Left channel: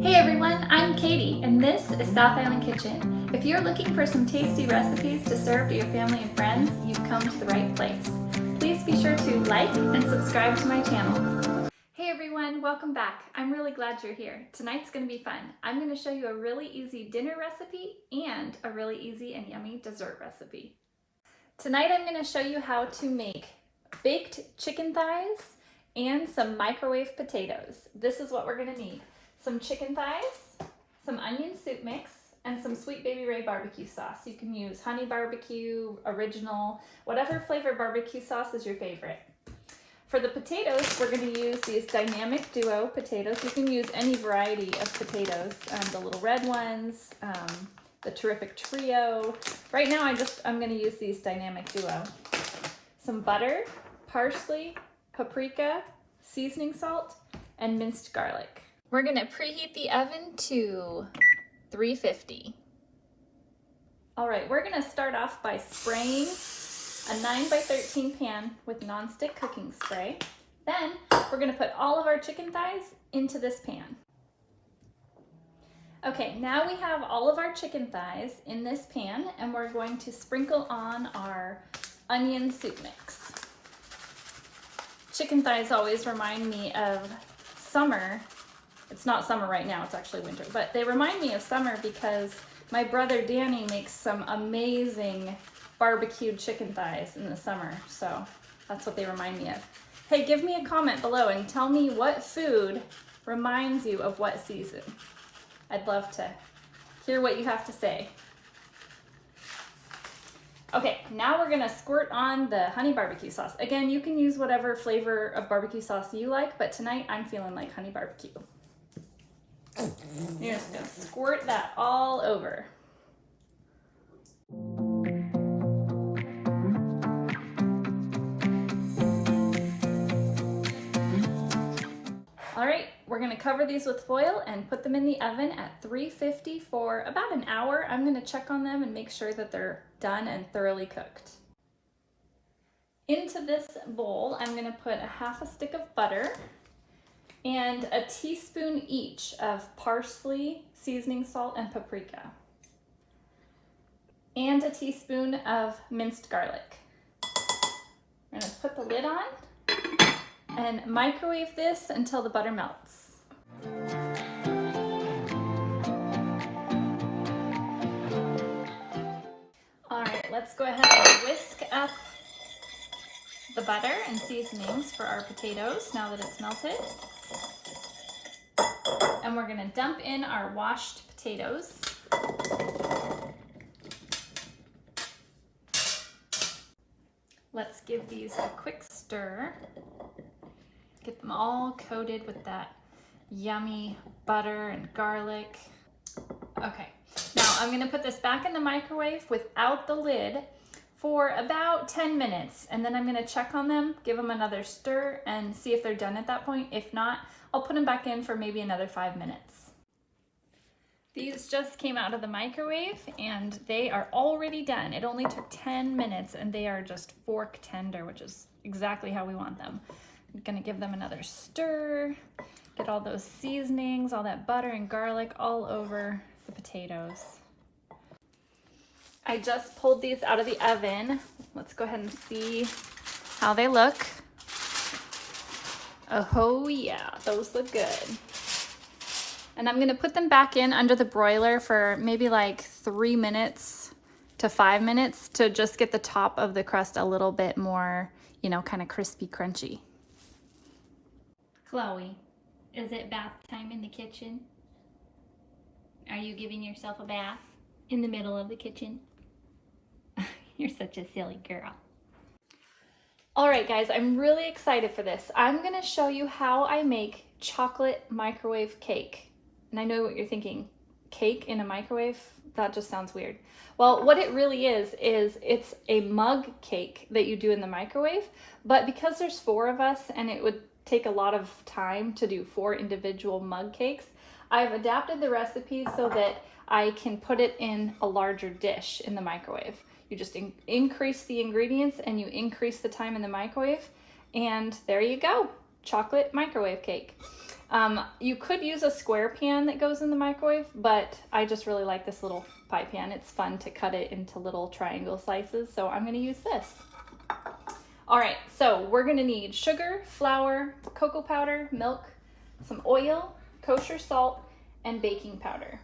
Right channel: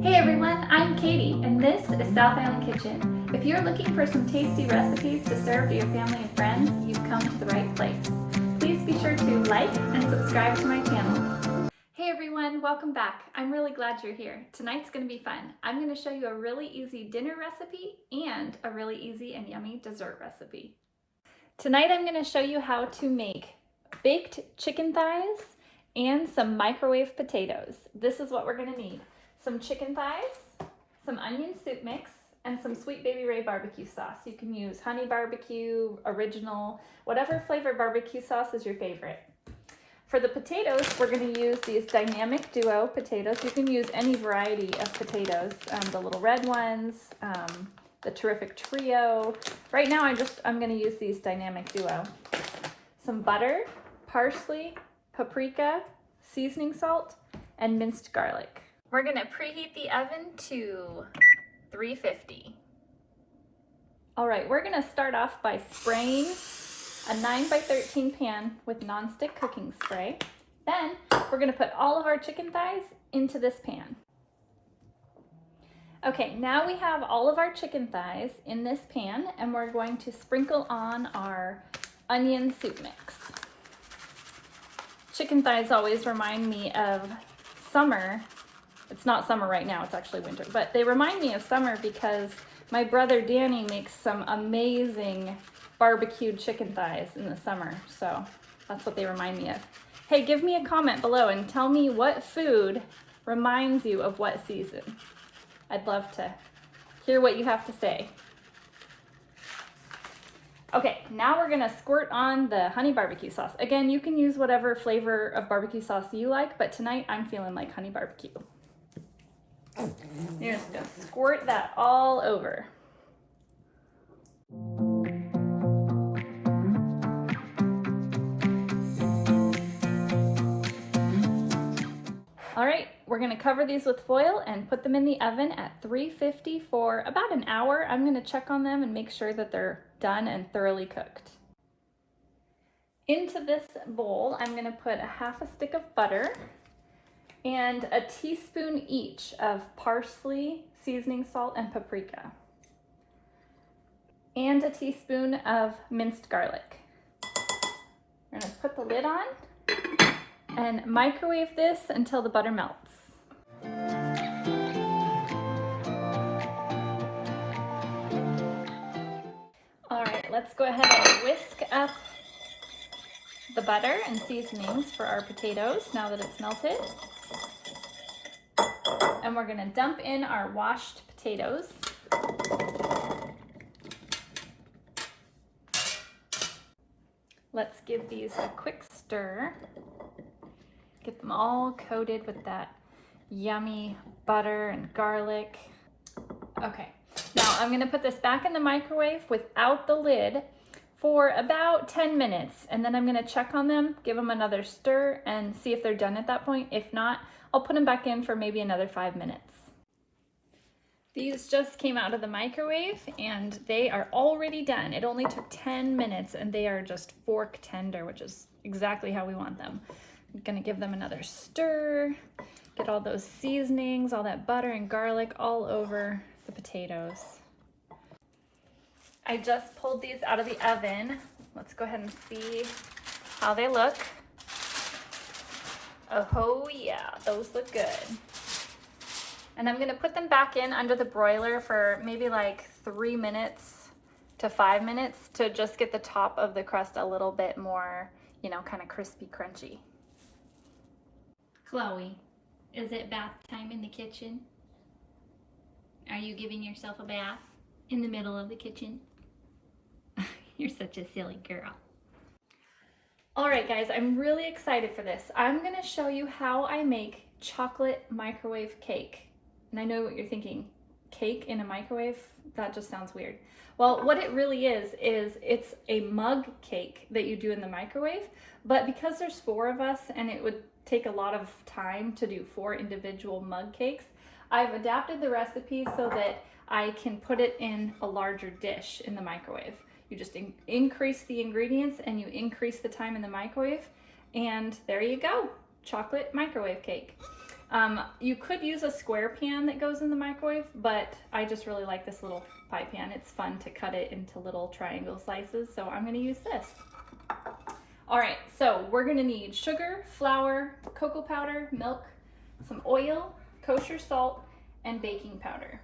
Hey everyone, I'm Katie and this is South Island Kitchen. If you're looking for some tasty recipes to serve to your family and friends, you've come to the right place. Please be sure to like and subscribe to my channel. Hey everyone, welcome back. I'm really glad you're here. Tonight's going to be fun. I'm going to show you a really easy dinner recipe and a really easy and yummy dessert recipe. Tonight I'm going to show you how to make baked chicken thighs and some microwave potatoes. This is what we're going to need. Some chicken thighs, some onion soup mix, and some sweet Baby Ray BBQ sauce. You can use honey barbecue, original, whatever flavor barbecue sauce is your favorite. For the potatoes, we're going to use these dynamic duo potatoes. You can use any variety of potatoes, the little red ones, the terrific trio. Right now I'm going to use these dynamic duo. Some butter, parsley, paprika, seasoning salt, and minced garlic. We're going to preheat the oven to 350. All right, we're going to start off by spraying a 9x13 pan with nonstick cooking spray. Then we're going to put all of our chicken thighs into this pan. Okay, now we have all of our chicken thighs in this pan and we're going to sprinkle on our onion soup mix. Chicken thighs always remind me of summer. It's not summer right now, it's actually winter, but they remind me of summer because my brother Danny makes some amazing barbecued chicken thighs in the summer, so that's what they remind me of. Hey, give me a comment below and tell me what food reminds you of what season. I'd love to hear what you have to say. Okay, now we're gonna squirt on the honey barbecue sauce. Again, you can use whatever flavor of barbecue sauce you like, but tonight I'm feeling like honey barbecue. You're just gonna squirt that all over. All right, we're gonna cover these with foil and put them in the oven at 350 for about an hour. I'm gonna check on them and make sure that they're done and thoroughly cooked. Into this bowl, I'm gonna put a half a stick of butter and a teaspoon each of parsley, seasoning salt, and paprika. And a teaspoon of minced garlic. We're gonna put the lid on and microwave this until the butter melts. All right, let's go ahead and whisk up the butter and seasonings for our potatoes now that it's melted. And we're gonna dump in our washed potatoes. Let's give these a quick stir. Get them all coated with that yummy butter and garlic. Okay, now I'm gonna put this back in the microwave without the lid for about 10 minutes. And then I'm gonna check on them, give them another stir and see if they're done at that point. If not, I'll put them back in for maybe another 5 minutes. These just came out of the microwave and they are already done. It only took 10 minutes and they are just fork tender, which is exactly how we want them. I'm gonna give them another stir, get all those seasonings, all that butter and garlic all over the potatoes. I just pulled these out of the oven. Let's go ahead and see how they look. Oh yeah, those look good. And I'm gonna put them back in under the broiler for maybe like 3 minutes to 5 minutes to just get the top of the crust a little bit more, you know, kind of crispy, crunchy. Chloe, is it bath time in the kitchen? Are you giving yourself a bath in the middle of the kitchen? You're such a silly girl. All right, guys, I'm really excited for this. I'm gonna show you how I make chocolate microwave cake. And I know what you're thinking, cake in a microwave? That just sounds weird. Well, what it really is it's a mug cake that you do in the microwave, but because there's 4 of us and it would take a lot of time to do 4 individual mug cakes, I've adapted the recipe so that I can put it in a larger dish in the microwave. You just increase the ingredients and you increase the time in the microwave, and there you go, chocolate microwave cake. You could use a square pan that goes in the microwave, but I just really like this little pie pan. It's fun to cut it into little triangle slices, so I'm gonna use this. All right, so we're gonna need sugar, flour, cocoa powder, milk, some oil, kosher salt, and baking powder.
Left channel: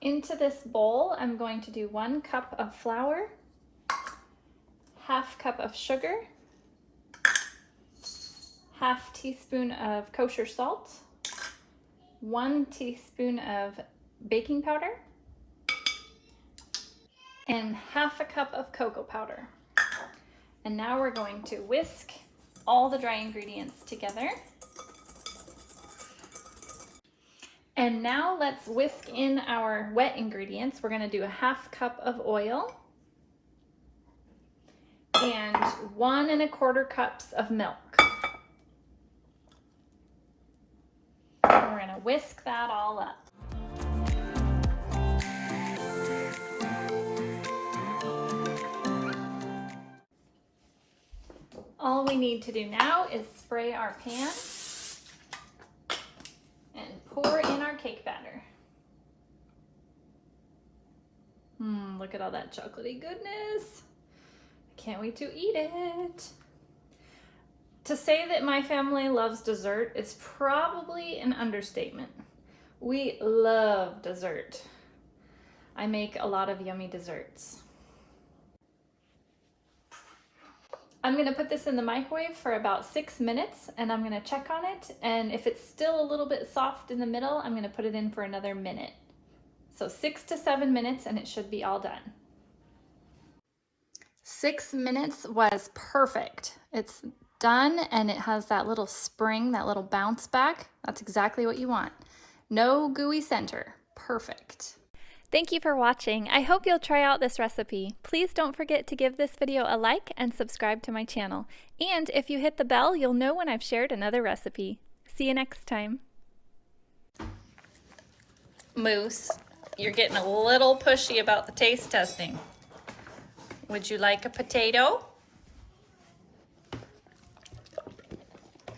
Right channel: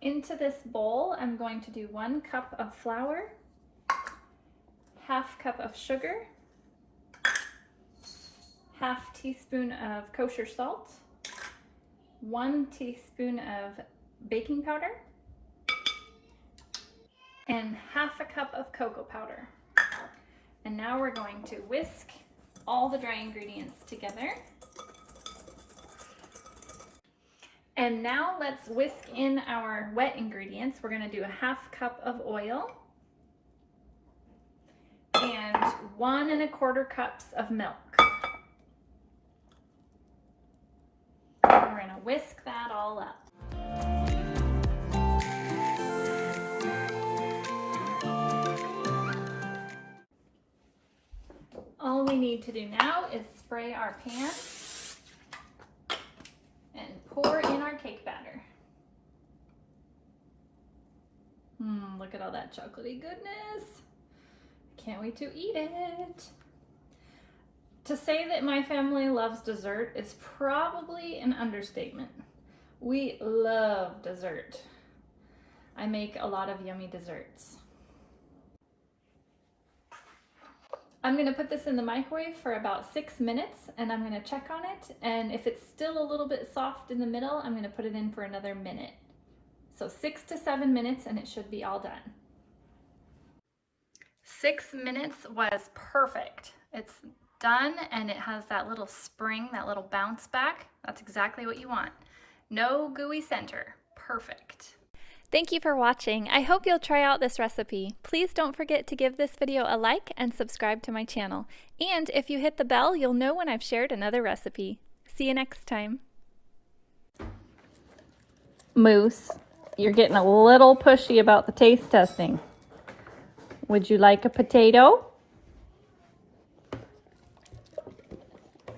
Into this bowl, I'm going to do 1 cup of flour, ½ cup of sugar, ½ teaspoon of kosher salt, 1 teaspoon of baking powder, and ½ cup of cocoa powder. And now we're going to whisk all the dry ingredients together. And now let's whisk in our wet ingredients. We're gonna do ½ cup of oil and 1 1/4 cups of milk. We're gonna whisk that all up. All we need to do now is spray our pan and pour in our cake batter. Look at all that chocolatey goodness. I can't wait to eat it. To say that my family loves dessert is probably an understatement. We love dessert. I make a lot of yummy desserts. I'm gonna put this in the microwave for about 6 minutes and I'm gonna check on it. And if it's still a little bit soft in the middle, I'm gonna put it in for another minute. So 6 to 7 minutes and it should be all done. 6 minutes was perfect. It's done and it has that little spring, that little bounce back. That's exactly what you want. No gooey center. Perfect. Thank you for watching. I hope you'll try out this recipe. Please don't forget to give this video a like and subscribe to my channel. And if you hit the bell, you'll know when I've shared another recipe. See you next time. Moose, you're getting a little pushy about the taste testing. Would you like a potato?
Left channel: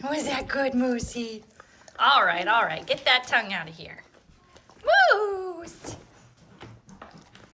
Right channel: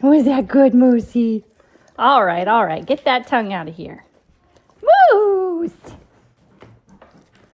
Was that good, Moosey? All right, get that tongue out of here.